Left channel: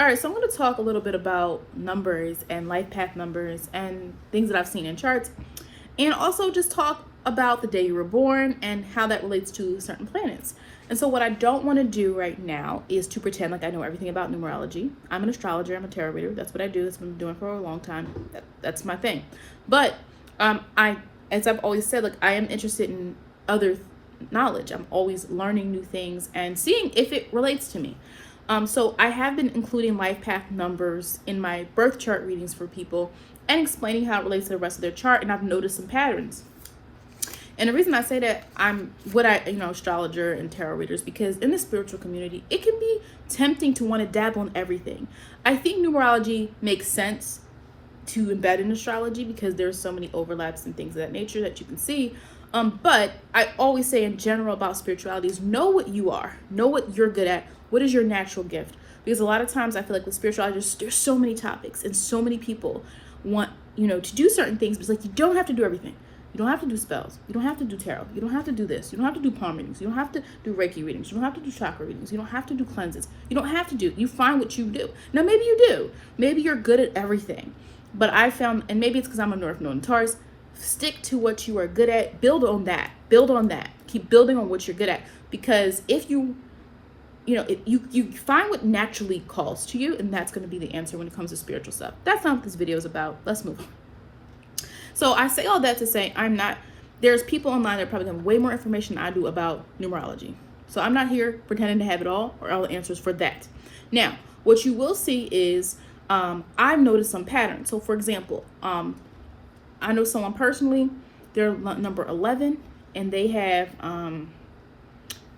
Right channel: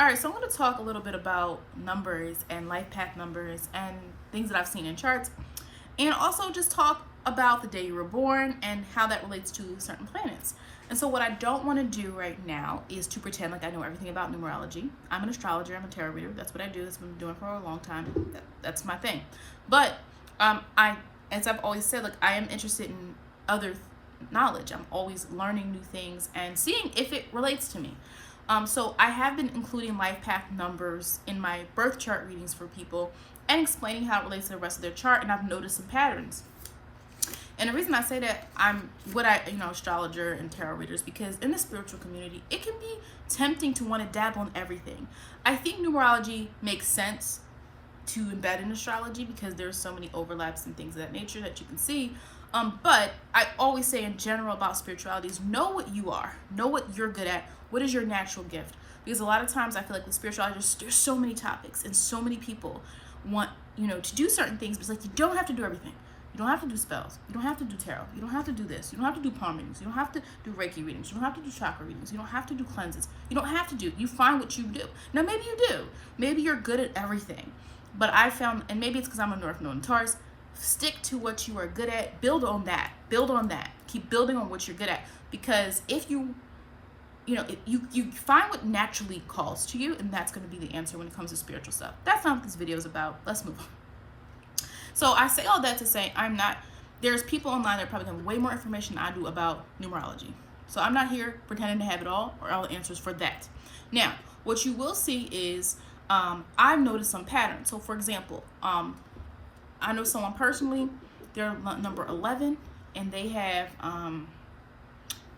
All right, so I'm going to talk a little bit about numbers and life path numbers and things that I've seen in charts, and also just talk about the day you were born and how that relates to certain planets. And so what I don't want to do right now is to pretend like I know everything about numerology. I'm an astrologer, I'm a tarot reader. That's what I do. That's what I've been doing for a long time. That's my thing. But as I've always said, like, I am interested in other knowledge. I'm always learning new things and seeing if it relates to me. So I have been including life path numbers in my birth chart readings for people and explaining how it relates to the rest of their chart, and I've noticed some patterns. And the reason I say that I'm astrologer and tarot readers, because in the spiritual community, it can be tempting to want to dabble in everything. I think numerology makes sense to embed in astrology because there's so many overlaps and things of that nature that you can see. But I always say in general about spirituality is know what you are, know what you're good at, what is your natural gift. Because a lot of times I feel like with spirituality, there's so many topics and so many people want, to do certain things, but it's like you don't have to do everything. You don't have to do spells. You don't have to do tarot. You don't have to do this. You don't have to do palm readings. You don't have to do Reiki readings. You don't have to do chakra readings. You don't have to do cleanses. You don't have to do. You find what you do. Now, maybe you do. Maybe you're good at everything. But I found, and maybe it's because I'm a North Node in Taurus, stick to what you are good at. Build on that. Build on that. Keep building on what you're good at. Because if you find what naturally calls to you, and that's going to be the answer when it comes to spiritual stuff. That's not what this video is about. Let's move on. So I say all that to say there's people online that probably have way more information than I do about numerology. So I'm not here pretending to have it all or all the answers for that. Now, what you will see is I've noticed some patterns. So for example, I know someone personally, they're number 11, and they have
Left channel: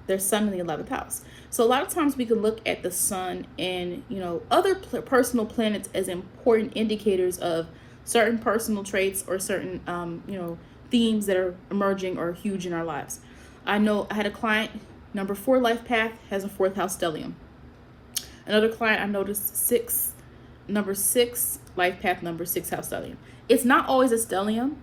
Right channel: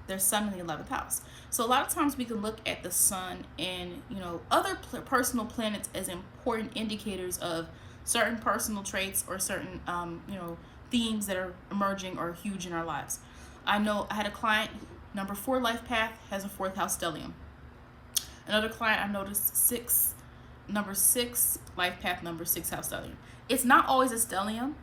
their sun in the 11th house. So a lot of times we can look at the sun and, other personal planets as important indicators of certain personal traits or certain, themes that are emerging or huge in our lives. I know I had a client, number 4 life path has a 4th house stellium. Another client I noticed number 6 life path, number 6 house stellium. It's not always a stellium.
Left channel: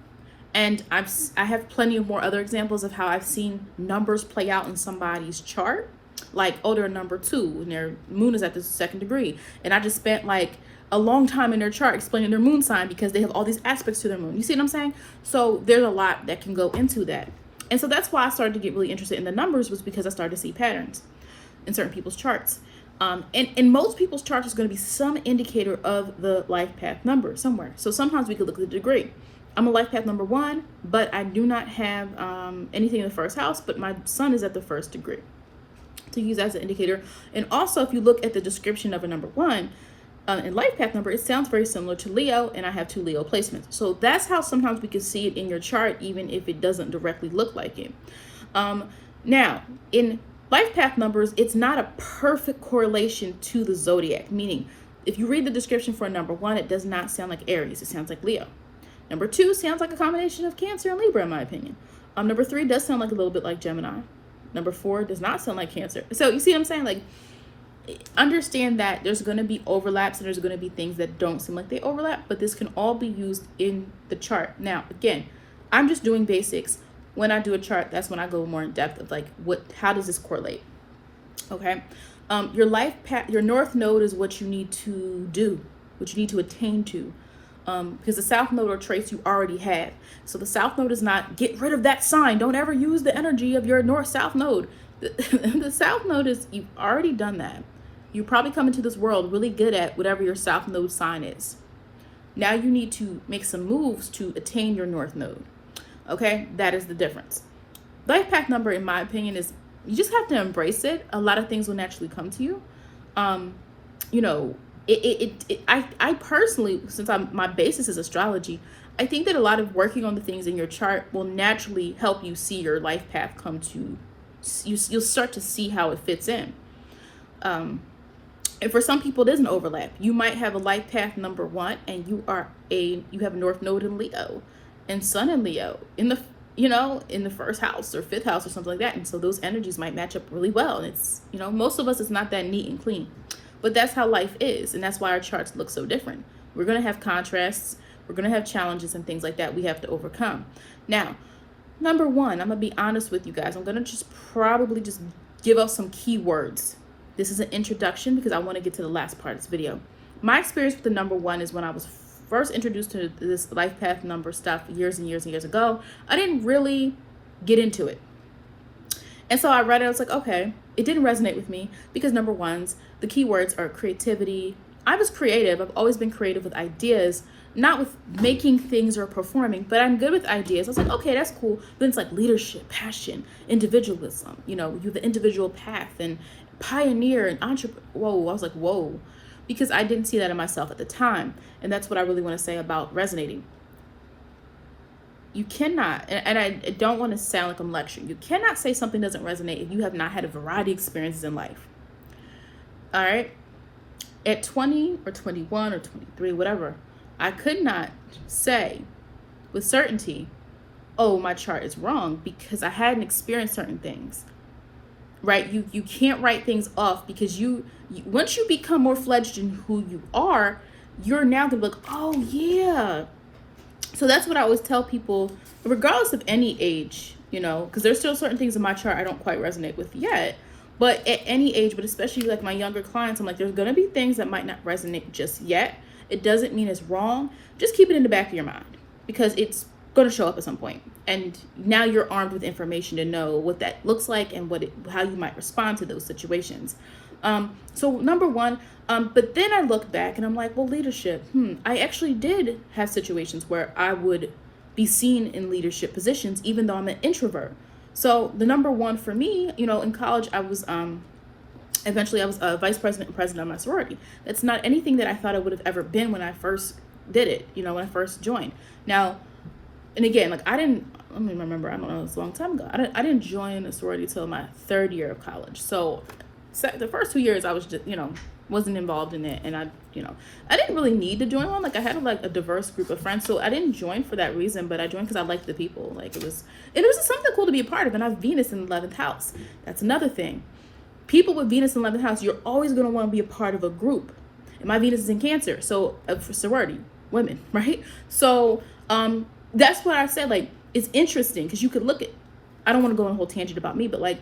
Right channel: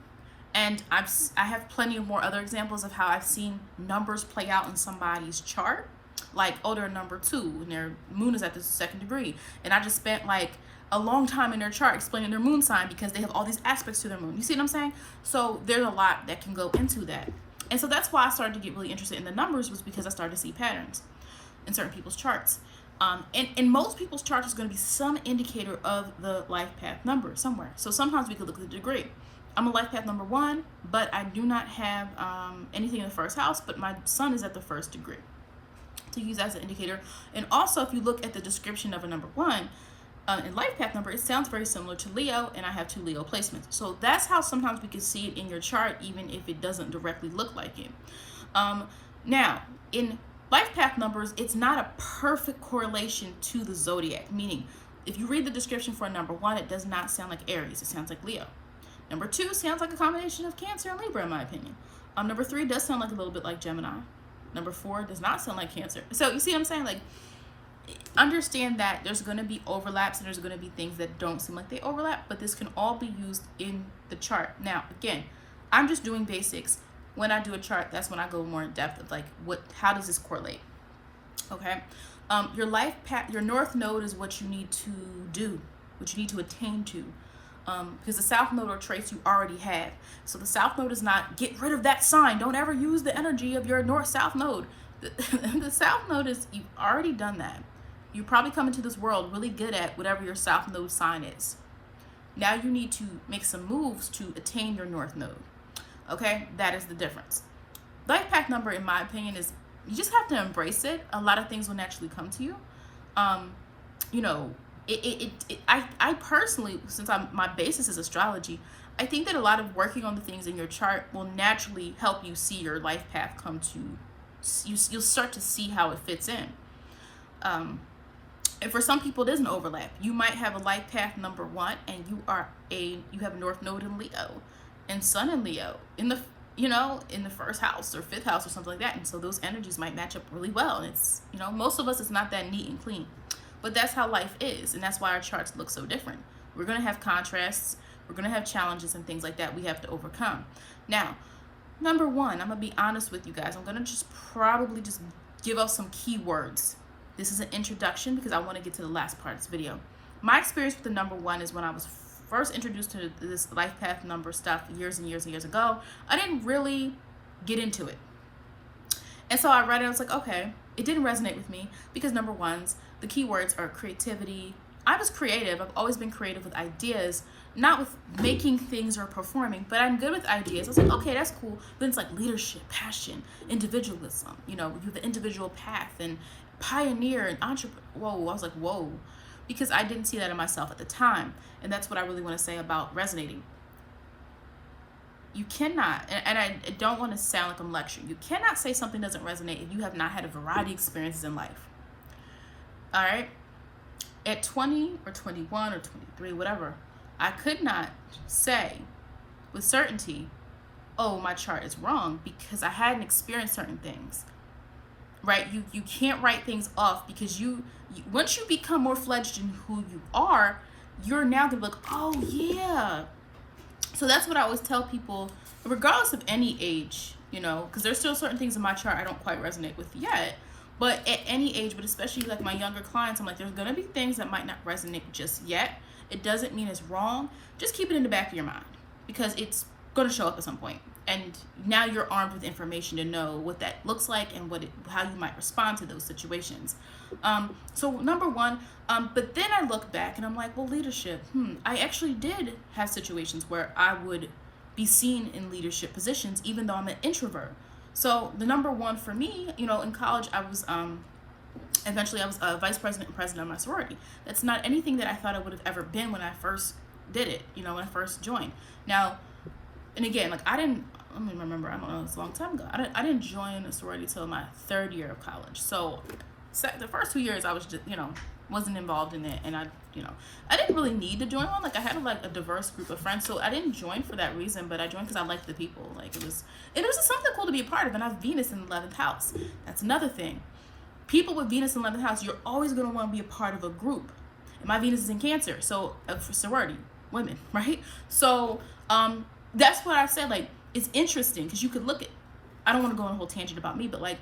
And I have plenty of more other examples of how I've seen numbers play out in somebody's chart. Like, oh, they're number 2 and their moon is at the 2nd degree. And I just spent like a long time in their chart explaining their moon sign because they have all these aspects to their moon. You see what I'm saying? So there's a lot that can go into that. And so that's why I started to get really interested in the numbers, was because I started to see patterns in certain people's charts. And in most people's charts, there's going to be some indicator of the life path number somewhere. So sometimes we could look at the degree. I'm a life path number 1, but I do not have anything in the 1st house, but my sun is at the 1st degree, to use as an indicator. And also, if you look at the description of a number 1 in life path number, it sounds very similar to Leo, and I have 2 Leo placements. So that's how sometimes we can see it in your chart, even if it doesn't directly look like it. Now, in life path numbers, it's not a perfect correlation to the zodiac, meaning if you read the description for a number 1, it does not sound like Aries, it sounds like Leo. Number 2 sounds like a combination of Cancer and Libra, in my opinion. Number 3 does sound like a little bit like Gemini. Number 4 does not sound like Cancer. So you see what I'm saying? Like, understand that there's going to be overlaps and there's going to be things that don't seem like they overlap, but this can all be used in the chart. Now, again, I'm just doing basics. When I do a chart, that's when I go more in depth of like, how does this correlate? Okay. Your life path, your North Node is what you need to do, what you need to attain to. Because the South Node are traits you already have. So the South Node is not get rid of that sign. Don't ever use the energy of your North-South Node. The South Node is, you've already done that. You probably come into this world really good at whatever your South Node sign is. Now you need to make some moves to attain your North Node. Okay, that is the difference. Life path number, in my opinion, is you just have to embrace it. A lot of things will naturally come to you. I personally, since my basis is astrology, I think that a lot of working on the things in your chart will naturally help you see your life path come to, you'll start to see how it fits in. And for some people, it is an overlap. You might have a life path number 1 and you have a North Node in Leo and Sun in Leo in the 1st house or 5th house or something like that. And so those energies might match up really well. And it's, most of us, it's not that neat and clean. But that's how life is, and that's why our charts look so different. We're going to have contrasts, we're going to have challenges and things like that we have to overcome. Now, number 1, I'm going to be honest with you guys. I'm going to probably just give up some keywords This is an introduction because I want to get to the last part of this video. My experience with the number one is when I was first introduced to this life path number stuff years and years and years ago. I didn't really get into it. And so I read it, I was like, okay, it didn't resonate with me because number ones, the keywords are creativity. I was creative. I've always been creative with ideas, not with making things or performing, but I'm good with ideas. I was like, okay, that's cool. Then it's like leadership, passion, individualism, you know, you the individual path and pioneer and entrepreneur. Whoa, I was like, whoa, because I didn't see that in myself at the time. And that's what I really want to say about resonating. You cannot, and I don't want to sound like I'm lecturing, you cannot say something doesn't resonate if you have not had a variety of experiences in life. All right. At 20 or 21 or 23, whatever, I could not say with certainty, oh, my chart is wrong, because I hadn't experienced certain things, right? You can't write things off because you once you become more fledged in who you are, you're now going to look, oh, yeah. So that's what I always tell people, regardless of any age, you know, because there's still certain things in my chart I don't quite resonate with yet. But at any age, but especially like my younger clients, I'm like, there's going to be things that might not resonate just yet. It doesn't mean it's wrong. Just keep it in the back of your mind because it's going to show up at some point. And now you're armed with information to know what that looks like and how you might respond to those situations. So number one, but then I look back and I'm like, well, leadership, I actually did have situations where I would be seen in leadership positions, even though I'm an introvert. So the number one for me, you know, in college, I was, eventually I was a vice president and president of my sorority. That's not anything that I thought I would have ever been when I first did it, you know, when I first joined. Now, and again, like let me remember, I don't know, it's a long time ago. I didn't join a sorority till my third year of college. So the first 2 years I was just, you know, wasn't involved in it. And I didn't really need to join one. Like I had a diverse group of friends. So I didn't join for that reason, but I joined because I liked the people. Like it was just something cool to be a part of. And I have Venus in the 11th house. That's another thing. People with Venus in the 11th house, you're always going to want to be a part of a group. And my Venus is in Cancer. So for sorority, women, right? So that's what I said. Like, it's interesting because you could look at, I don't want to go on a whole tangent about me, but like,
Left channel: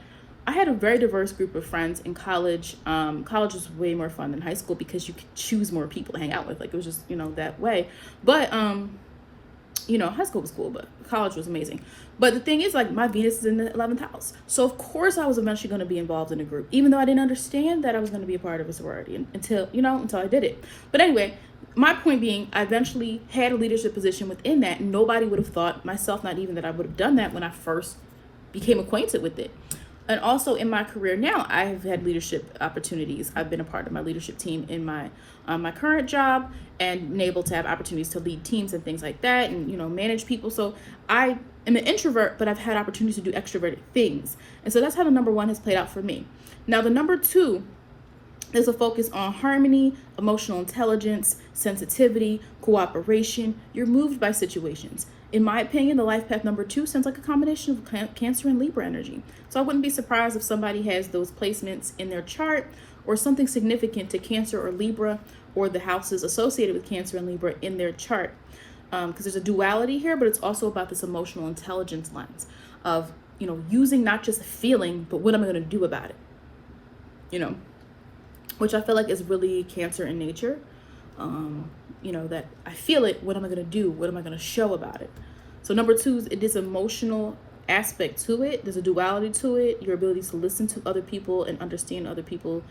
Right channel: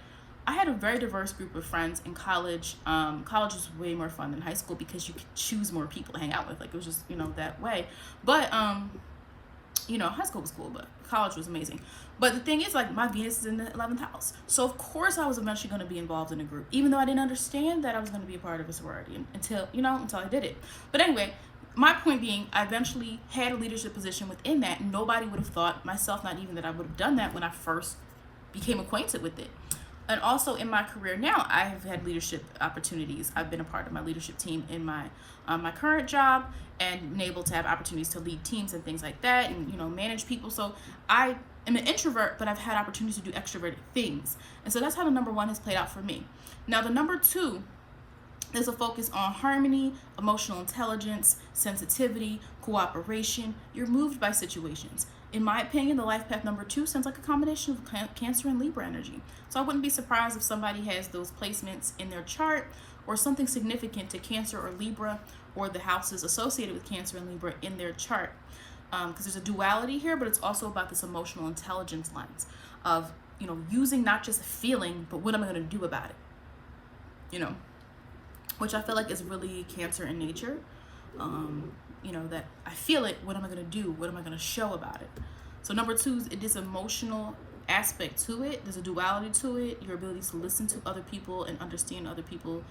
I had a very diverse group of friends in college. College was way more fun than high school because you could choose more people to hang out with. Like, it was just, you know, that way. But, you know, high school was cool, but college was amazing. But the thing is, like, my Venus is in the 11th house. So, of course, I was eventually going to be involved in a group, even though I didn't understand that I was going to be a part of a sorority until I did it. But anyway, my point being, I eventually had a leadership position within that. And nobody would have thought, myself, not even, that I would have done that when I first became acquainted with it. And also in my career now, I have had leadership opportunities. I've been a part of my leadership team in my my current job and been able to have opportunities to lead teams and things like that and, you know, manage people. So I am an introvert, but I've had opportunities to do extroverted things. And so that's how the number one has played out for me. Now, the number two is a focus on harmony, emotional intelligence, sensitivity, cooperation. You're moved by situations. In my opinion, the life path number two sounds like a combination of Cancer and Libra energy. So I wouldn't be surprised if somebody has those placements in their chart or something significant to Cancer or Libra or the houses associated with Cancer and Libra in their chart. Because there's a duality here, but it's also about this emotional intelligence lens of, you know, using not just a feeling, but what am I going to do about it? You know, which I feel like is really Cancer in nature. You know, that I feel it, what am I going to do? What am I going to show about it? So number two, it is emotional aspect to it. There's a duality to it. Your ability to listen to other people and understand other people,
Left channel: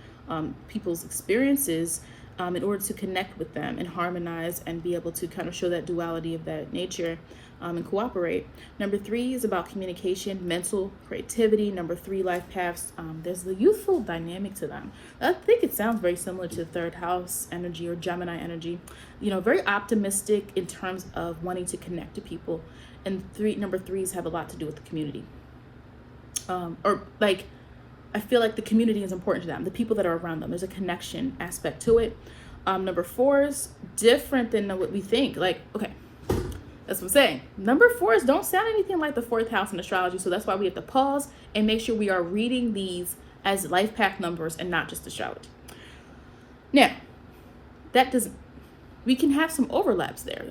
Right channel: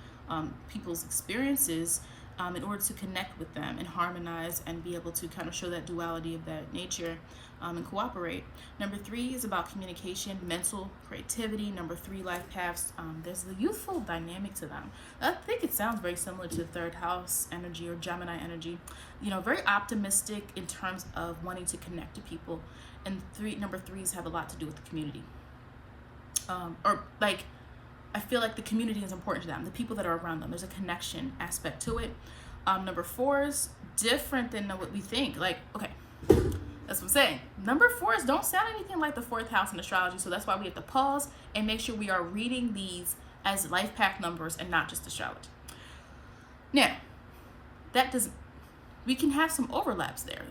people's experiences in order to connect with them and harmonize and be able to kind of show that duality of that nature and cooperate. Number three is about communication, mental creativity. Number three, life paths. There's the youthful dynamic to them. I think it sounds very similar to the third house energy or Gemini energy. You know, very optimistic in terms of wanting to connect to people. And number threes have a lot to do with the community. Or like, I feel like the community is important to them, the people that are around them. There's a connection aspect to it. Number fours, different than what we think. Like, okay, that's what I'm saying. Number fours don't sound anything like the fourth house in astrology. So that's why we have to pause and make sure we are reading these as life path numbers and not just astrology. Now, we can have some overlaps there.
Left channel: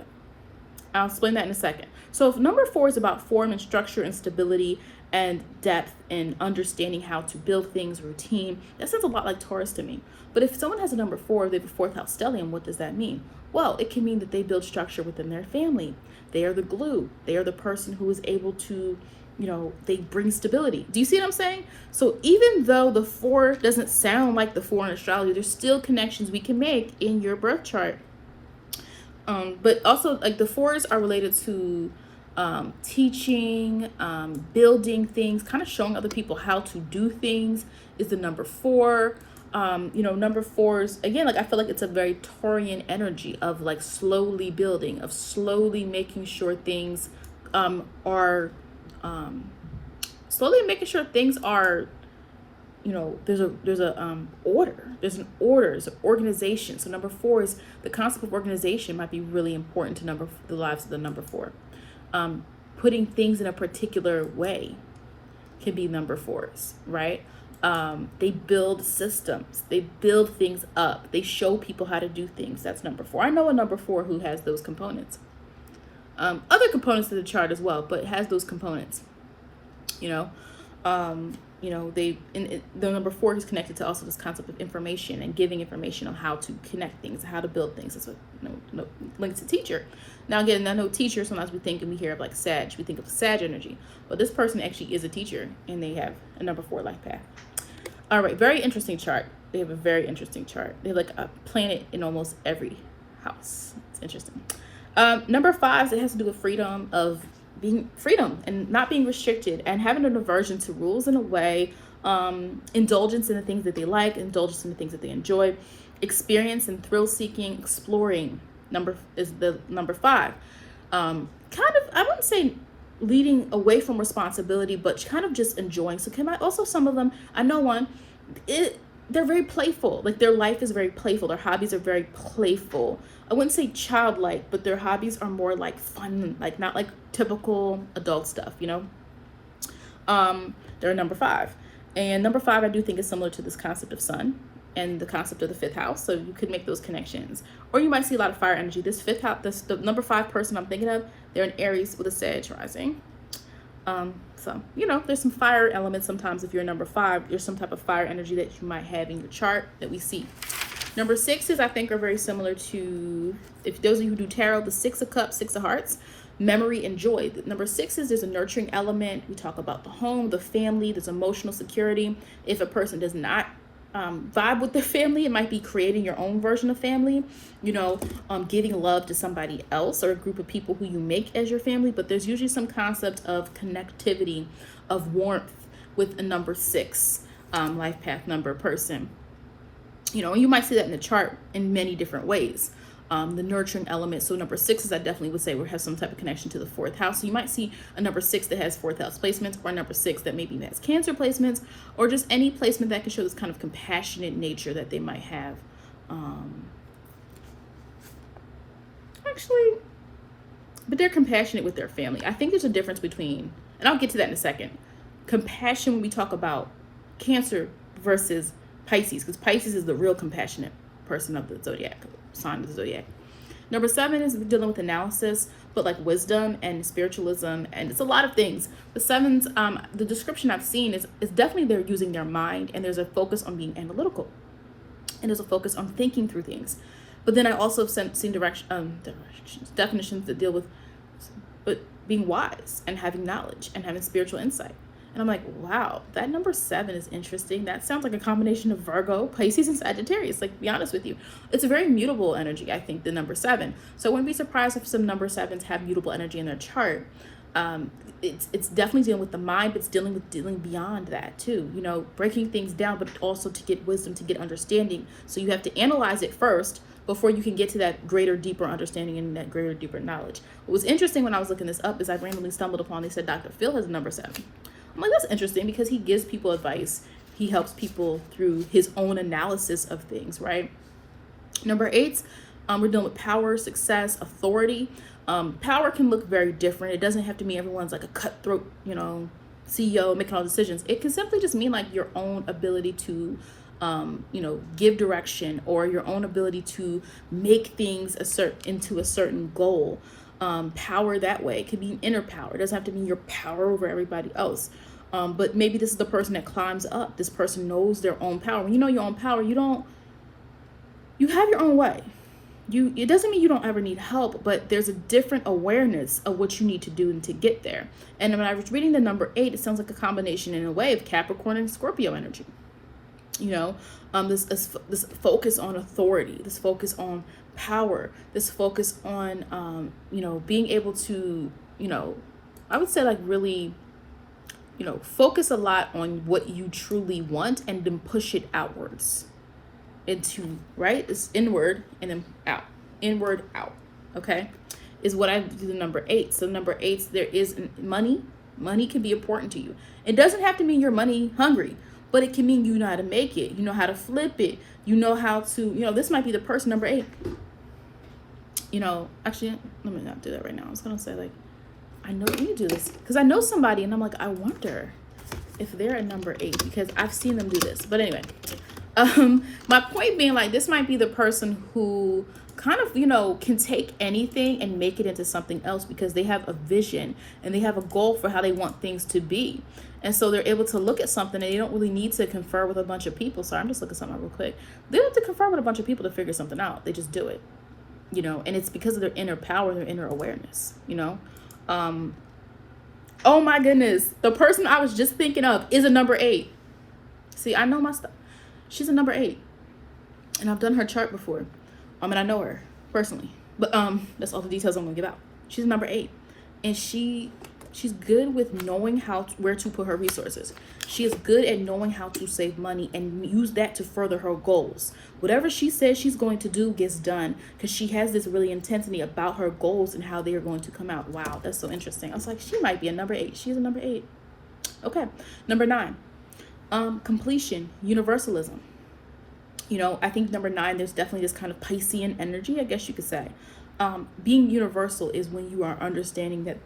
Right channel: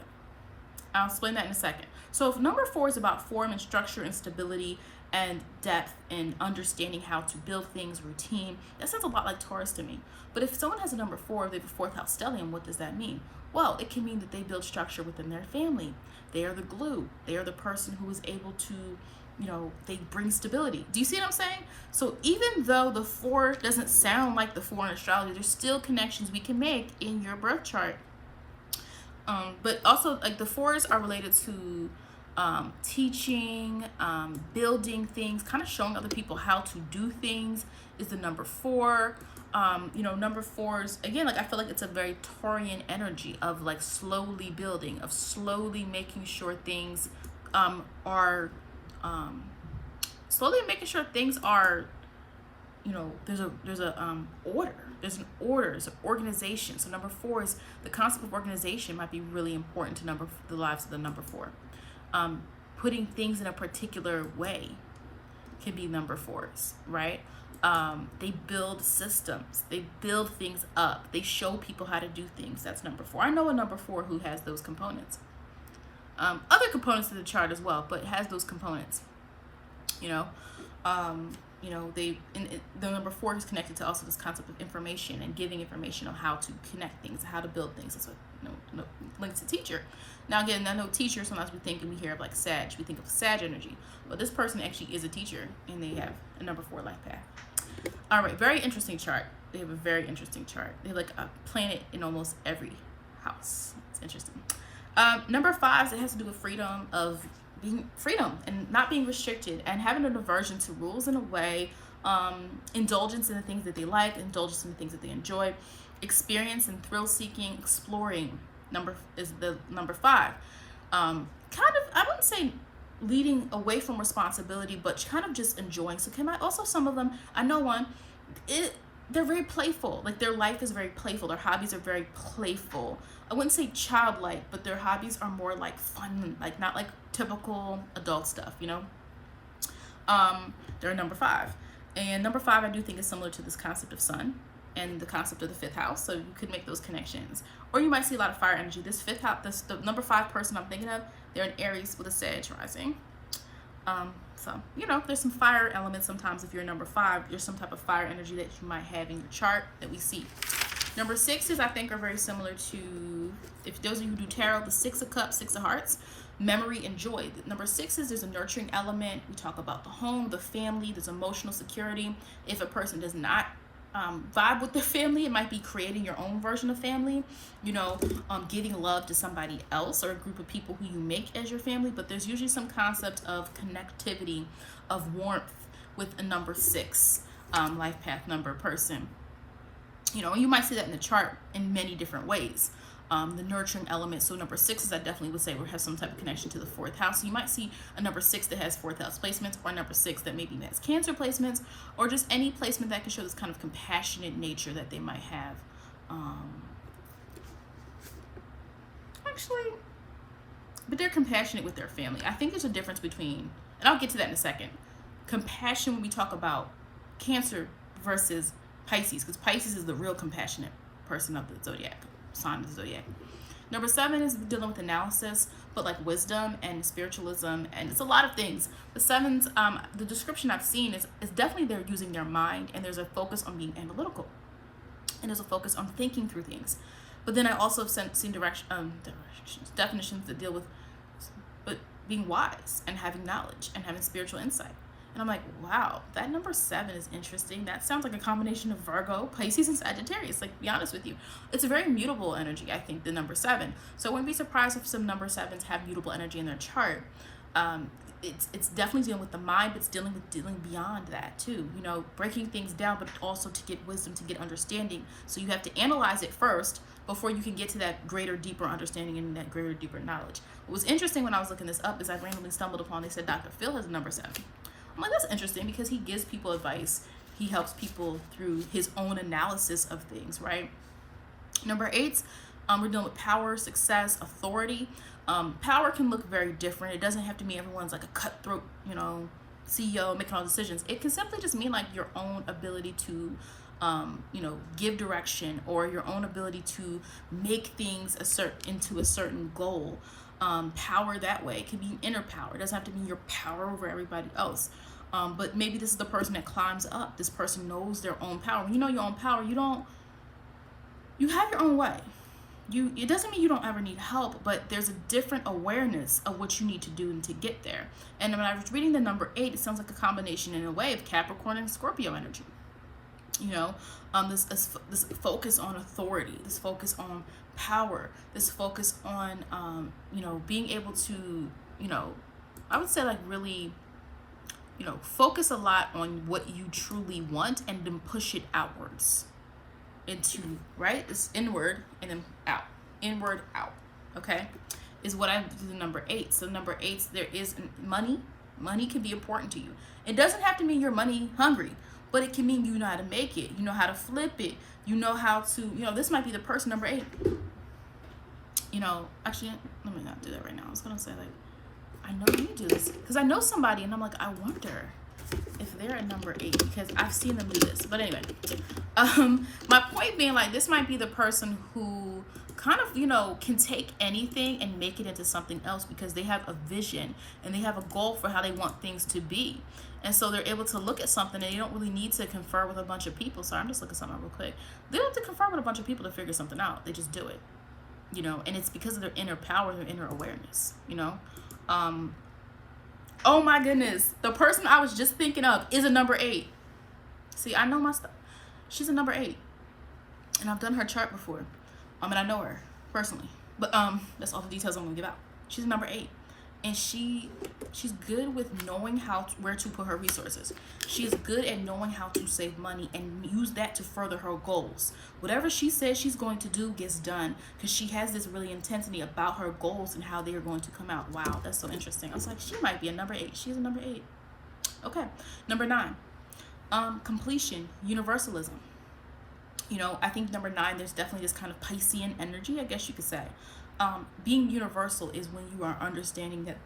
I'll explain that in a second. So if number four is about form and structure and stability, and depth and understanding how to build things, routine. That sounds a lot like Taurus to me. But if someone has a number 4, they have a 4th house stellium, what does that mean? Well, it can mean that they build structure within their family. They are the glue. They are the person who is able to, they bring stability. Do you see what I'm saying? So even though the 4 doesn't sound like the 4 in astrology, there's still connections we can make in your birth chart. But also, like, the 4s are related to teaching, building things, kind of showing other people how to do things is the number 4. Number 4s, again, like, I feel like it's a very Taurian energy of like slowly building, of slowly making sure things are slowly making sure things are, there's an order, there's an organization. So number 4 is the concept of organization might be really important to the lives of the number 4. Putting things in a particular way can be number 4s, right? They build systems, they build things up, they show people how to do things. That's number 4. I know a number 4 who has those components. Other components to the chart as well, but it has those components. The number 4 is connected to also this concept of information and giving information on how to connect things, how to build things. It's links to teacher. Now again, I know teacher, sometimes we think and we hear of like Sag, we think of Sag energy, but this person actually is a teacher and they have a number 4 life path. All right, very interesting chart. They have a very interesting chart. They have like a planet in almost every house. It's interesting. Number 5, it has to do with freedom and not being restricted and having an aversion to rules in a way, indulgence in the things that they like, indulgence in the things that they enjoy, experience and thrill seeking, exploring. Is the number 5. Kind of, I wouldn't say leading away from responsibility, but kind of just enjoying. So some of them, I know one, they're very playful. Like their life is very playful. Their hobbies are very playful. I wouldn't say childlike, but their hobbies are more like fun, like not like typical adult stuff, They're a number 5. And number 5, I do think is similar to this concept of sun and the concept of the 5th house. So you could make those connections. Or you might see a lot of fire energy. This 5th house, the number 5 person I'm thinking of, they're in Aries with a Sag rising. So, there's some fire elements sometimes. If you're a number 5, there's some type of fire energy that you might have in your chart that we see. Number 6s, I think, are very similar to, if those of you who do tarot, the 6 of Cups, 6 of Hearts, memory and joy. Number 6s, there's a nurturing element. We talk about the home, the family, there's emotional security. If a person does not vibe with their family, it might be creating your own version of family, giving love to somebody else or a group of people who you make as your family. But there's usually some concept of connectivity, of warmth with a number 6 life path number person. You might see that in the chart in many different ways. The nurturing element. So number 6s, I definitely would say would have some type of connection to the 4th house. So you might see a number 6 that has 4th house placements, or a number 6 that maybe has Cancer placements, or just any placement that can show this kind of compassionate nature that they might have. But they're compassionate with their family. I think there's a difference between, and I'll get to that in a second, compassion when we talk about Cancer versus Pisces, because Pisces is the real compassionate person of the zodiac, sign of the zodiac. Number 7 is dealing with analysis, but like wisdom and spiritualism, and it's a lot of things. The 7s, the description I've seen is definitely they're using their mind, and there's a focus on being analytical, and there's a focus on thinking through things. But then I also have seen definitions that deal with being wise and having knowledge and having spiritual insight. And I'm like, wow, that number 7 is interesting. That sounds like a combination of Virgo, Pisces, and Sagittarius. Like, to be honest with you, it's a very mutable energy, I think, the number 7. So I wouldn't be surprised if some number 7s have mutable energy in their chart. It's definitely dealing with the mind, but it's dealing beyond that too. Breaking things down, but also to get wisdom, to get understanding. So you have to analyze it first before you can get to that greater, deeper understanding and that greater, deeper knowledge. What was interesting when I was looking this up is I randomly stumbled upon, they said Dr. Phil has a number 7. I'm like, that's interesting because he gives people advice. He helps people through his own analysis of things, right? Number 8, we're dealing with power, success, authority. Power can look very different. It doesn't have to mean everyone's like a cutthroat, CEO making all decisions. It can simply just mean like your own ability to, give direction, or your own ability to make things into a certain goal. Power that way. It can be inner power. It doesn't have to mean your power over everybody else. But maybe this is the person that climbs up. This person knows their own power. When you know your own power, you have your own way. It doesn't mean you don't ever need help, but there's a different awareness of what you need to do to get there. And when I was reading the number 8, it sounds like a combination in a way of Capricorn and Scorpio energy. This focus on authority, this focus on power, this focus on, being able to, I would say like really, focus a lot on what you truly want and then push it outwards. Into, right? It's inward and then out. Inward, out. Okay? Is what I do the number 8. So number 8, there is money. Money can be important to you. It doesn't have to mean you're money hungry, but it can mean you know how to make it. You know how to flip it. You know how to, this might be the person, number 8. Actually, let me not do that right now. I was going to say like, I know you do this because I know somebody and I'm like, I wonder if they're a number 8 because I've seen them do this. But anyway, my point being like, this might be the person who kind of, can take anything and make it into something else because they have a vision and they have a goal for how they want things to be. And so they're able to look at something and they don't really need to confer with a bunch of people. Sorry, I'm just looking at something real quick. They don't have to confer with a bunch of people to figure something out. They just do it, and it's because of their inner power, their inner awareness, oh my goodness. The person I was just thinking of is a number 8. See, I know my stuff. She's a number 8, and I've done her chart before, and I know her personally. But that's all the details I'm gonna give out. She's a number 8, and she's good with knowing where to put her resources. She is good at knowing how to save money and use that to further her goals. Whatever she says she's going to do gets done because she has this really intensity about her goals and how they are going to come out. Wow, that's so interesting. I was like, she might be a number 8. She's a number 8. Okay, number 9. Completion, universalism. I think number 9, there's definitely this kind of Piscean energy, I guess you could say. Being universal is when you are understanding that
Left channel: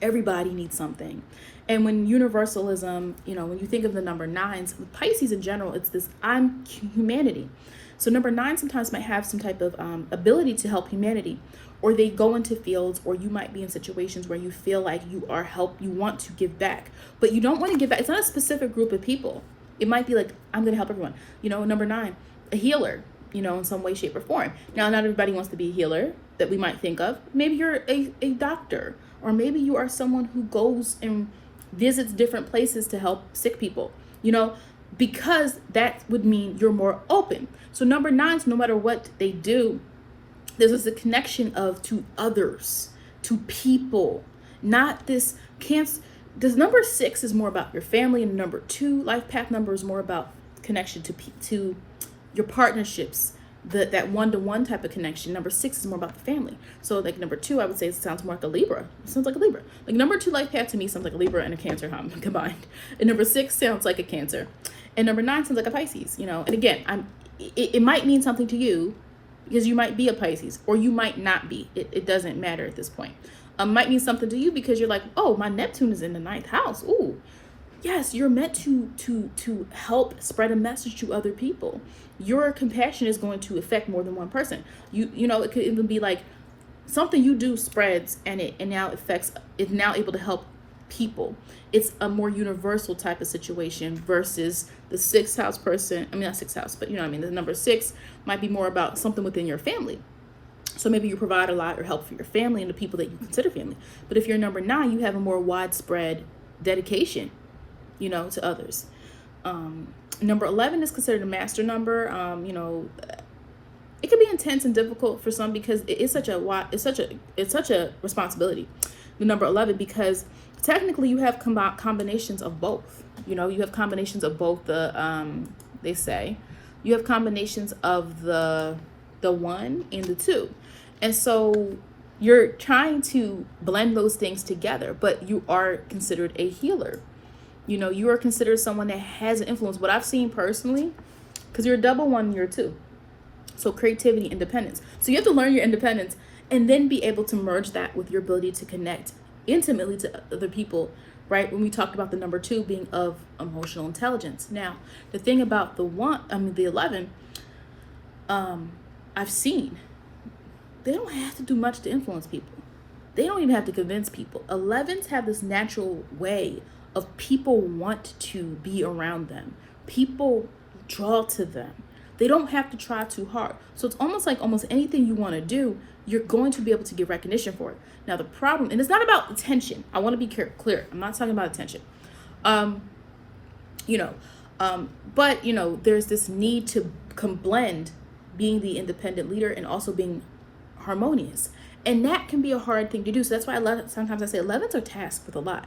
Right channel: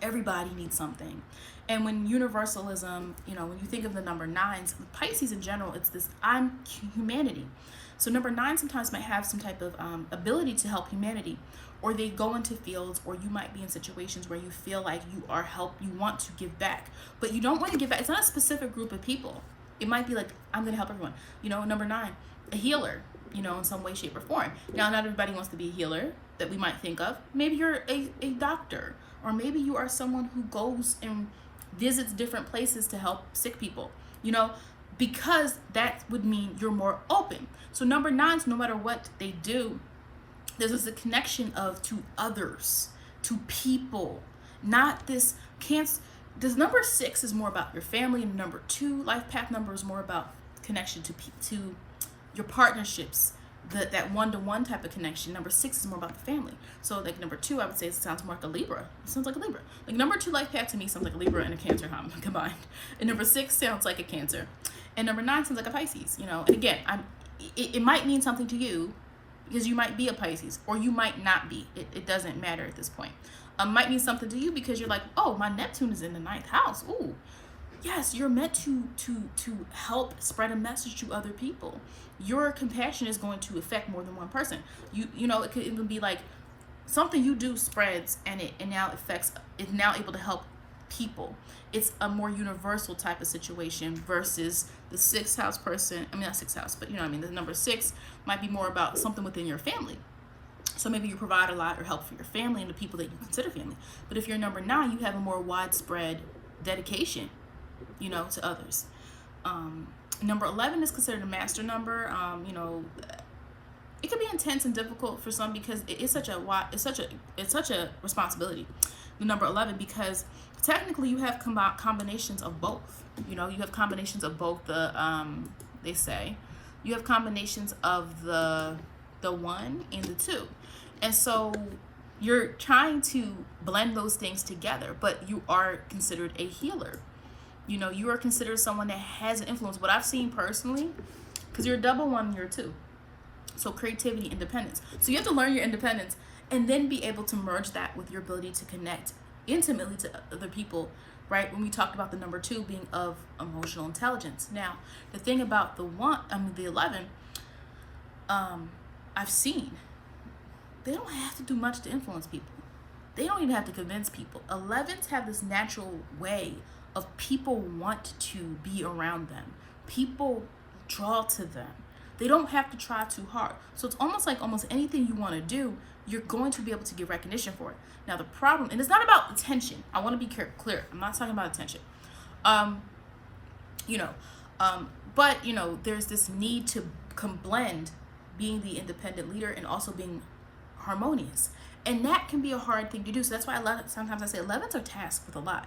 everybody needs something. And when universalism, when you think of the number 9s, Pisces in general, it's this, I'm humanity. So number 9 sometimes might have some type of ability to help humanity, or they go into fields, or you might be in situations where you feel like you want to give back, but you don't want to give back. It's not a specific group of people. It might be like, I'm going to help everyone. Number 9, a healer, in some way, shape, or form. Now, not everybody wants to be a healer that we might think of. Maybe you're a doctor, or maybe you are someone who goes and visits different places to help sick people, because that would mean you're more open. So number 9s, no matter what they do, there's a connection to others, to people, not this cancer. This number 6 is more about your family, and number 2 life path number is more about connection to your partnerships, that one-to-one type of connection. Number 6 is more about the family. So like number 2, I would say it sounds more like a Libra. It sounds like a Libra. Like number 2 life path to me sounds like a Libra and a Cancer combined. And number 6 sounds like a Cancer. And number 9 sounds like a Pisces, And again, it might mean something to you because you might be a Pisces, or you might not be. It doesn't matter at this point. Might mean something to you because you're like, oh, my Neptune is in the 9th house. Ooh, yes, you're meant to help spread a message to other people. Your compassion is going to affect more than one person. It could even be like something you do spreads and now it's now able to help people. It's a more universal type of situation versus the 6th house person. I mean, not 6th house, but the number 6 might be more about something within your family. So maybe you provide a lot or help for your family and the people that you consider family. But if you're number 9, you have a more widespread dedication, to others. Number 11 is considered a master number. It can be intense and difficult for some because it's such a responsibility. The number 11, because technically you have combinations of both. You have combinations of both they say you have combinations of the 1 and the 2. And so you're trying to blend those things together, but you are considered a healer. You are considered someone that has an influence. What I've seen personally, because you're a double 1, you're 2. So creativity, independence. So you have to learn your independence and then be able to merge that with your ability to connect intimately to other people, right? When we talked about the number 2 being of emotional intelligence. Now, the thing about the 11, I've seen, they don't have to do much to influence people. They don't even have to convince people. 11s have this natural way of people want to be around them. People draw to them. They don't have to try too hard. So it's almost like almost anything you want to do, you're going to be able to get recognition for it. Now the problem, and it's not about attention. I want to be clear. I'm not talking about attention. But there's this need to blend being the independent leader and also being harmonious. And that can be a hard thing to do. So that's why sometimes I say 11s are tasked with a lot.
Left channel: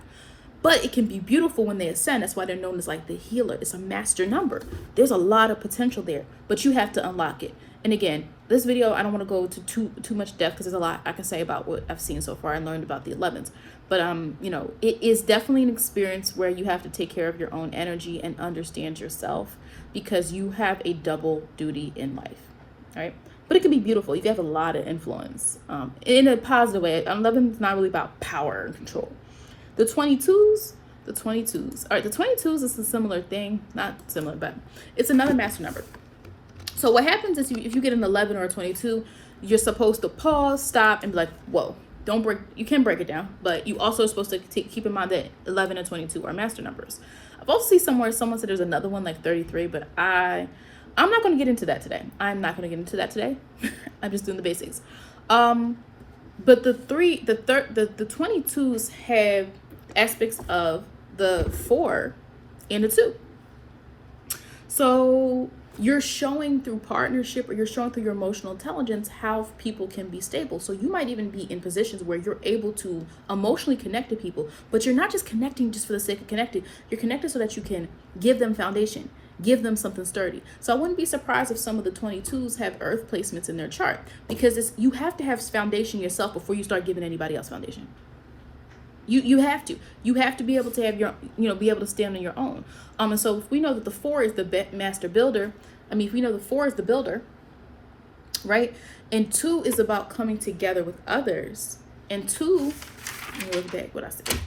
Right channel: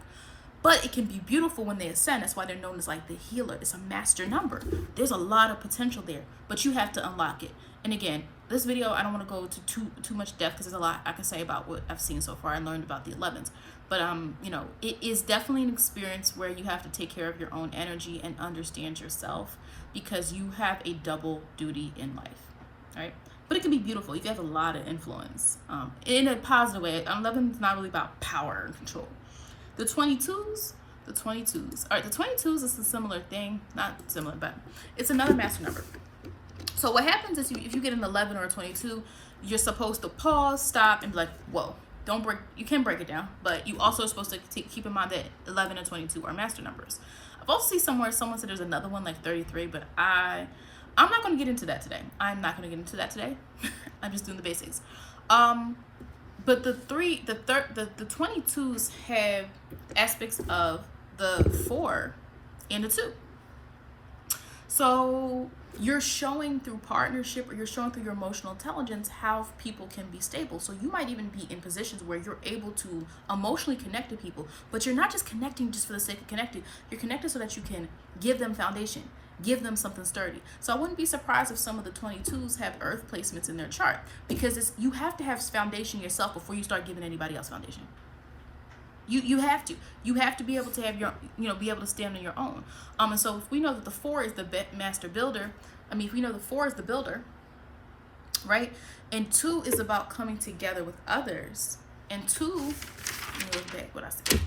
But it can be beautiful when they ascend. That's why they're known as like the healer. It's a master number. There's a lot of potential there, but you have to unlock it. And again, this video, I don't want to go to too much depth because there's a lot I can say about what I've seen so far and learned about the 11s. But it is definitely an experience where you have to take care of your own energy and understand yourself, because you have a double duty in life. All right. But it can be beautiful. You can have a lot of influence in a positive way. 11 is not really about power and control. The 22s. All right, the 22s is a similar thing. Not similar, but it's another master number. So what happens is if you get an 11 or a 22, you're supposed to pause, stop, and be like, whoa, don't break. You can break it down, but you also are supposed to keep in mind that 11 and 22 are master numbers. I've also seen somewhere someone said there's another one like 33, but I'm not going to get into that today. I'm just doing the basics. But the 22s have aspects of the 4 and the 2. So you're showing through partnership, or you're showing through your emotional intelligence how people can be stable. So you might even be in positions where you're able to emotionally connect to people, but you're not just connecting just for the sake of connecting. You're connected so that you can give them foundation, give them something sturdy. So I wouldn't be surprised if some of the 22s have earth placements in their chart, because you have to have foundation yourself before you start giving anybody else foundation. You have to be able to have your, be able to stand on your own. And so if we know that the 4 is the master builder, if we know the 4 is the builder, right? And 2 is about coming together with others. And 2, let me look back what I said.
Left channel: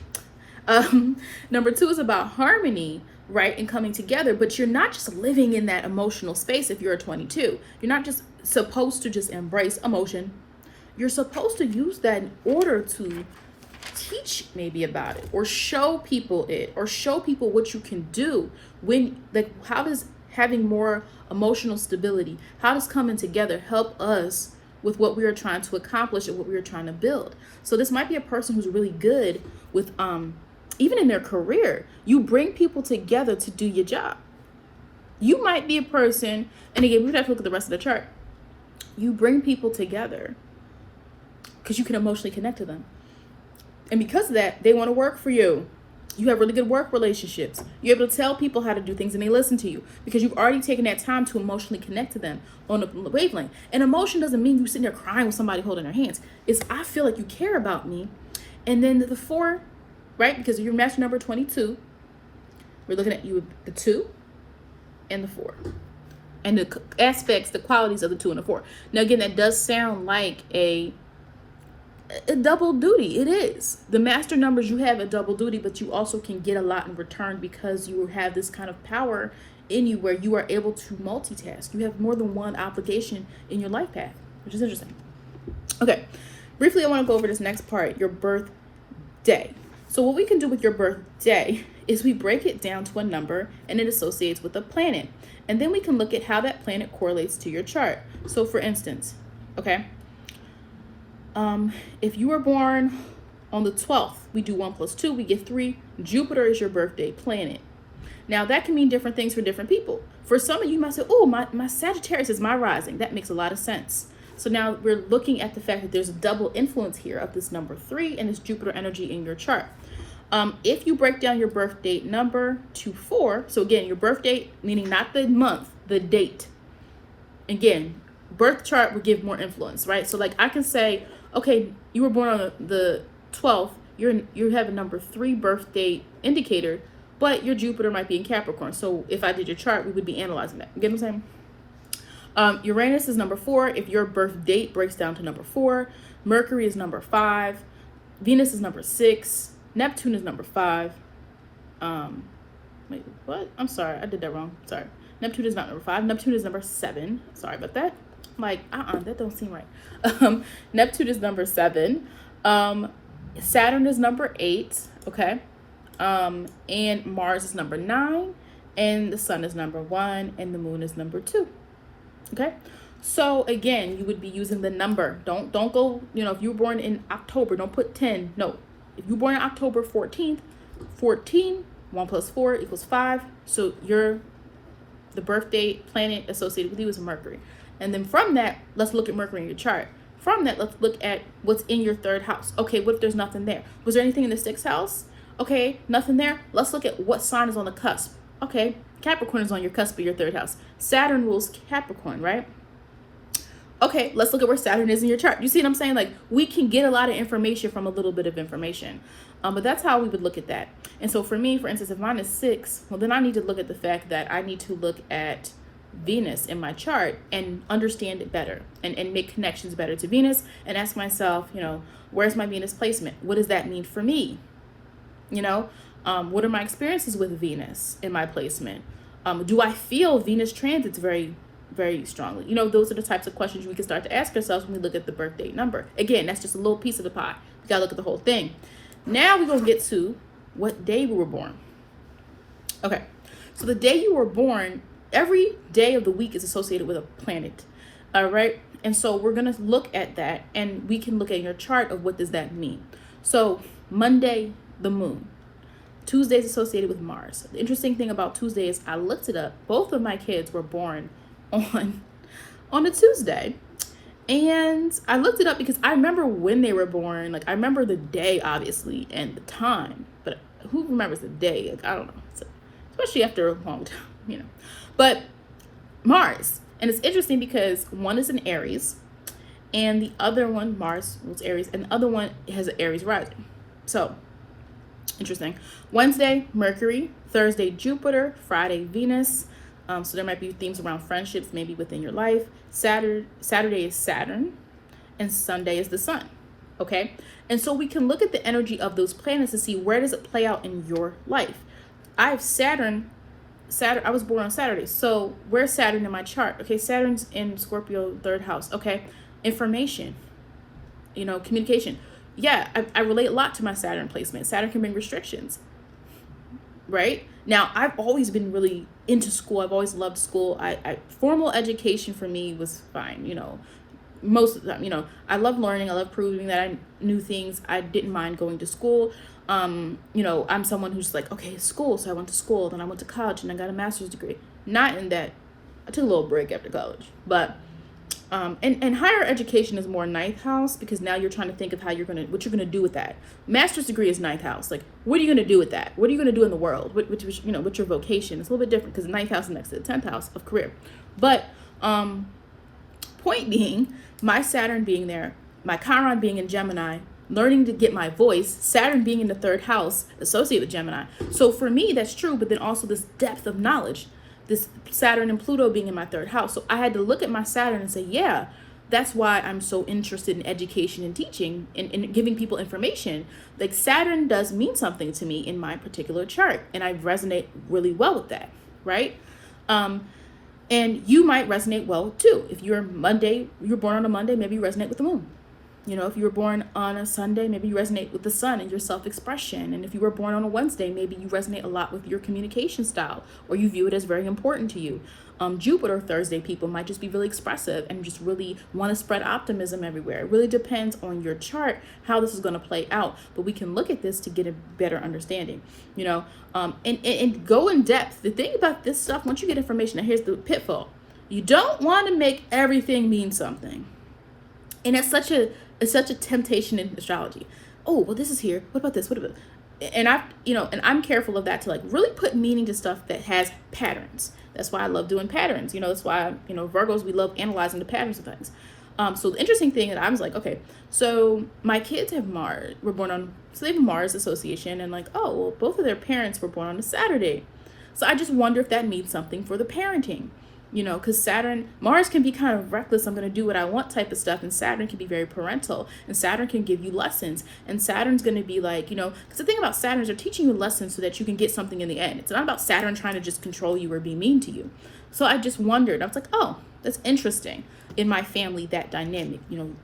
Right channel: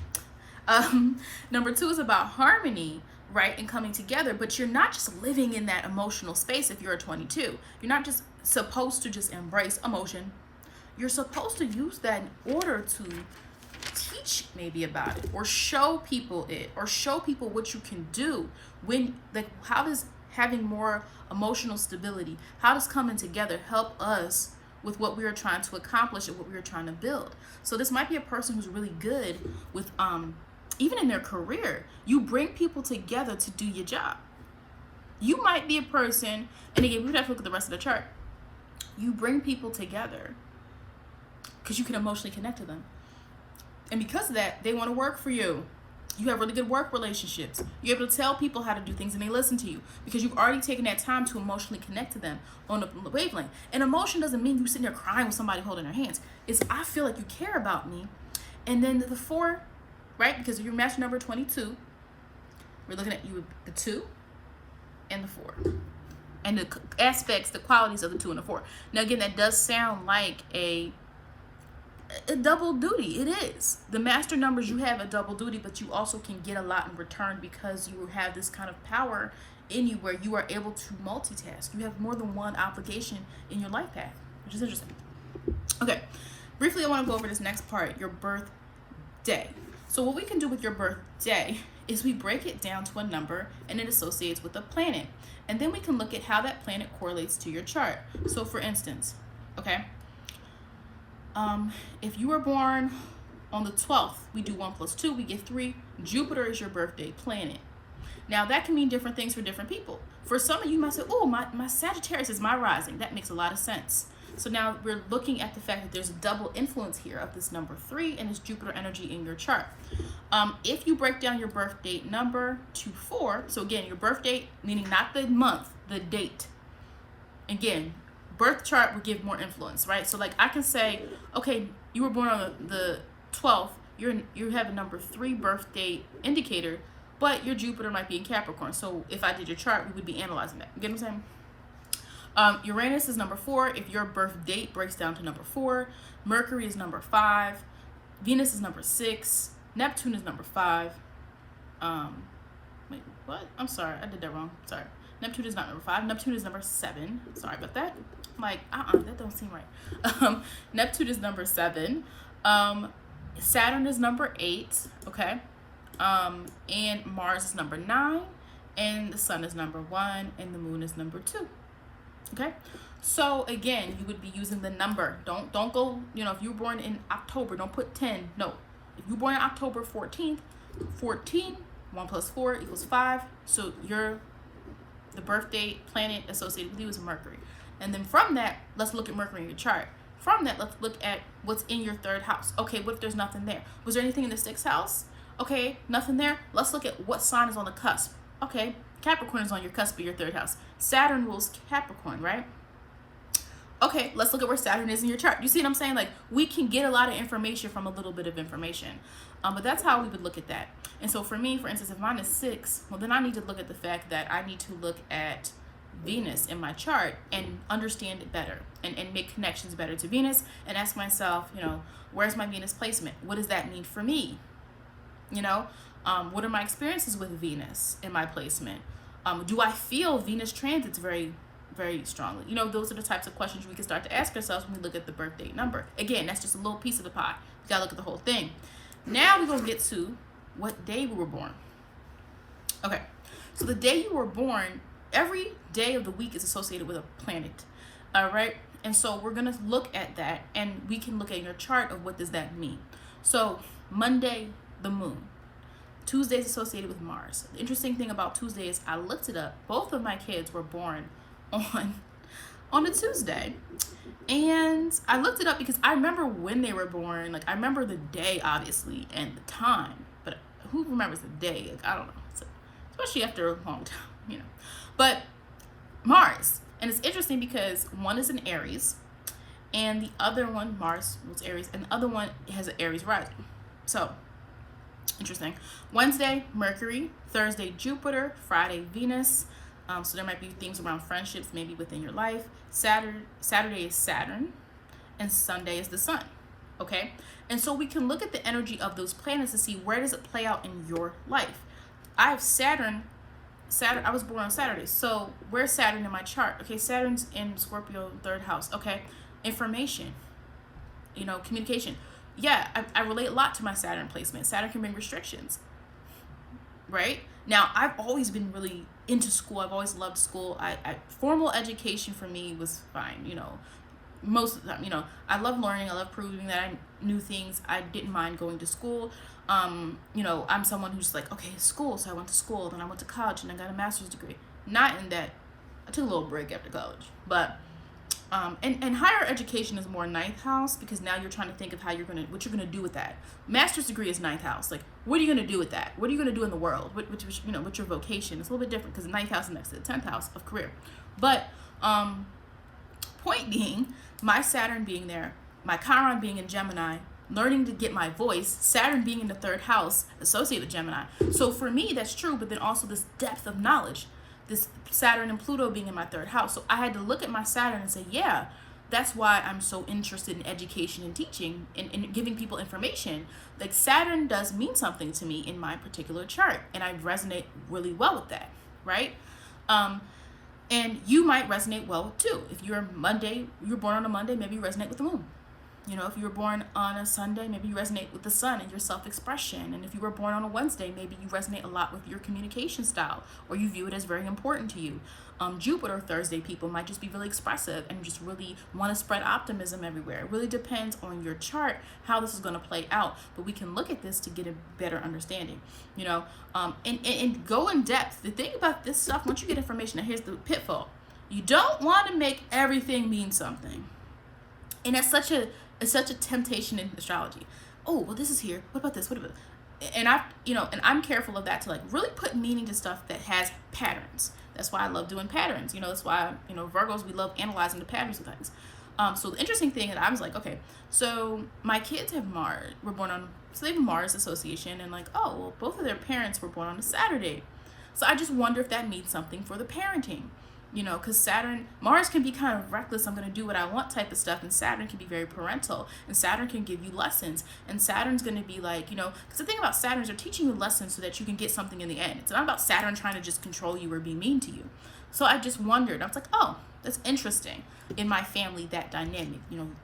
Number 2 is about harmony, right? And coming together, but you're not just living in that emotional space. If you're a 22, you're not just supposed to just embrace emotion. You're supposed to use that in order to teach maybe about it, or show people it, or show people what you can do when, like, how does having more emotional stability, how does coming together help us with what we are trying to accomplish and what we are trying to build. So this might be a person who's really good with even in their career. You bring people together to do your job. You might be a person, and again, we would have to look at the rest of the chart. You bring people together because you can emotionally connect to them. And because of that, they want to work for you. You have really good work relationships. You're able to tell people how to do things and they listen to you because you've already taken that time to emotionally connect to them on a wavelength. And emotion doesn't mean you sitting there crying with somebody holding their hands. It's, I feel like you care about me. And then the 4, right? Because you're master number 22. We're looking at you, the 2 and the 4. And the aspects, the qualities of the 2 and the 4. Now, again, that does sound like a double duty. It is. The master numbers, you have a double duty, but you also can get a lot in return because you have this kind of power in you where you are able to multitask. You have more than one obligation in your life path, which is interesting. Okay, briefly, I want to go over this next part, your birthday. So what we can do with your birthday is we break it down to a number and it associates with a planet. And then we can look at how that planet correlates to your chart. So for instance, okay, if you were born on the 12th, we do 1 + 2, we get 3. Jupiter is your birthday planet. Now that can mean different things for different people. For some of you might say, oh, my Sagittarius is my rising. That makes a lot of sense. So now we're looking at the fact that there's a double influence here of this number 3 and this Jupiter energy in your chart. If you break down your birth date number to 4, so again, your birth date, meaning not the month, the date. Again, birth chart would give more influence, right? So like I can say, okay, you were born on the 12th, you have a number 3 birth date indicator, but your Jupiter might be in Capricorn. So if I did your chart, we would be analyzing that. You get what I'm saying? Uranus is number 4. If your birth date breaks down to number 4, Mercury is number 5, Venus is number 6, Neptune is number 5. Wait, what? I'm sorry, I did that wrong. Sorry. Neptune is not number 5. Neptune is number 7. Sorry about that. I'm like, that don't seem right. Neptune is number 7. Saturn is number 8. Okay. And Mars is number 9, and the sun is number 1, and the moon is number 2. Okay, so again, you would be using the number. Don't go, if you were born in October, don't put 10. No, if you were born on October 14th, 14, 1 plus 4 equals 5. So the birth date planet associated with you is Mercury. And then from that, let's look at Mercury in your chart. From that, let's look at what's in your 3rd house. Okay, what if there's nothing there? Was there anything in the 6th house? Okay, nothing there. Let's look at what sign is on the cusp. Okay, Capricorn is on your cusp of your 3rd house. Saturn rules Capricorn, right? Okay, let's look at where Saturn is in your chart. You see what I'm saying? Like, we can get a lot of information from a little bit of information. But that's how we would look at that. And so for me, for instance, if mine is 6, well, then I need to look at the fact that I need to look at Venus in my chart and understand it better and make connections better to Venus and ask myself, where's my Venus placement? What does that mean for me? What are my experiences with Venus in my placement? Do I feel Venus transits very, very strongly? Those are the types of questions we can start to ask ourselves when we look at the birth date number. Again, that's just a little piece of the pie. You gotta look at the whole thing. Now we're gonna get to what day we were born. Okay, so the day you were born, every day of the week is associated with a planet. All right, and so we're gonna look at that, and we can look at your chart of what does that mean. So Monday, the moon. Tuesday is associated with Mars. The interesting thing about Tuesday is I looked it up. Both of my kids were born on a Tuesday. And I looked it up because I remember when they were born. Like, I remember the day, obviously, and the time. But who remembers the day? Like, I don't know. So, especially after a long time, But Mars. And it's interesting because one is in Aries. And the other one, Mars was Aries. And the other one has an Aries rising. So, interesting. Wednesday, Mercury. Thursday, Jupiter. Friday, Venus. So there might be themes around friendships, maybe within your life. Saturday is Saturn, and Sunday is the sun. Okay, and so we can look at the energy of those planets to see where does it play out in your life. I have Saturn. I was born on Saturday, so where's Saturn in my chart? Okay, Saturn's in Scorpio, 3rd house. Okay, information. Communication. Yeah, I relate a lot to my Saturn placement. Saturn can bring restrictions. Right? Now, I've always been really into school. I've always loved school. Formal education for me was fine, most of the time, I love learning. I love proving that I knew things. I didn't mind going to school. I'm someone who's like, okay, school. So I went to school, then I went to college and I got a master's degree. Not in that, I took a little break after college, but and higher education is more 9th house, because now you're trying to think of what you're gonna do with that. Master's degree is 9th house. Like, what are you gonna do with that? What are you gonna do in the world? What's your vocation? It's a little bit different because 9th house is next to the 10th house of career. But point being, my Saturn being there, my Chiron being in Gemini, learning to get my voice, Saturn being in the 3rd house associated with Gemini. So for me, that's true, but then also this depth of knowledge. This Saturn and Pluto being in my 3rd house. So I had to look at my Saturn and say, yeah, that's why I'm so interested in education and teaching and giving people information. Like, Saturn does mean something to me in my particular chart, and I resonate really well with that, right? And you might resonate well too. If you're born on a Monday, maybe you resonate with the moon. If you were born on a Sunday, maybe you resonate with the sun and your self-expression. And if you were born on a Wednesday, maybe you resonate a lot with your communication style, or you view it as very important to you. Jupiter Thursday people might just be really expressive and just really want to spread optimism everywhere. It really depends on your chart how this is going to play out. But we can look at this to get a better understanding, and go in depth. The thing about this stuff, once you get information, now here's the pitfall. You don't want to make everything mean something. And it's such a temptation in astrology. Oh, well, this is here. What about this? What about? And I'm careful of that, to like really put meaning to stuff that has patterns. That's why I love doing patterns. That's why, Virgos, we love analyzing the patterns of things. So the interesting thing that I was like, okay, so my kids have Mars, so they have a Mars association, and like, oh, well, both of their parents were born on a Saturday. So I just wonder if that means something for the parenting. Because Mars can be kind of reckless, I'm going to do what I want type of stuff, and Saturn can be very parental, and Saturn can give you lessons, and Saturn's going to be like, because the thing about Saturn is they're teaching you lessons so that you can get something in the end. It's not about Saturn trying to just control you or be mean to you. So I just wondered, I was like, oh, that's interesting. In my family, that dynamic,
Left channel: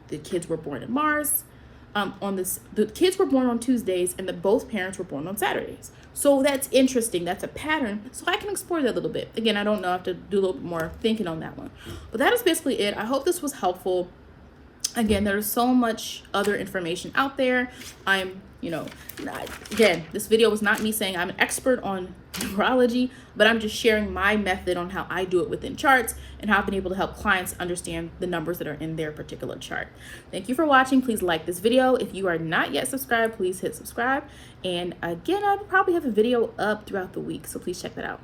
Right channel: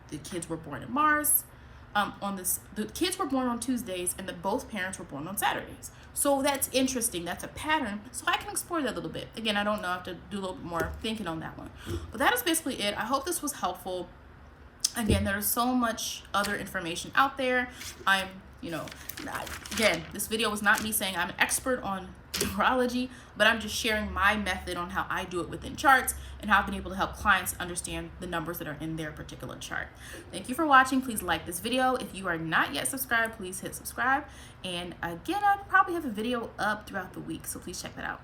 the kids were born in Mars, on this, the kids were born on Tuesdays and both parents were born on Saturdays. So that's interesting. That's a pattern. So I can explore that a little bit. Again, I don't know. I have to do a little bit more thinking on that one. But that is basically it. I hope this was helpful. Again, there's so much other information out there. I'm, again, this video was not me saying I'm an expert on numerology, but I'm just sharing my method on how I do it within charts and how I've been able to help clients understand the numbers that are in their particular chart. Thank you for watching. Please like this video. If you are not yet subscribed, please hit subscribe. And again, I'll probably have a video up throughout the week, so please check that out.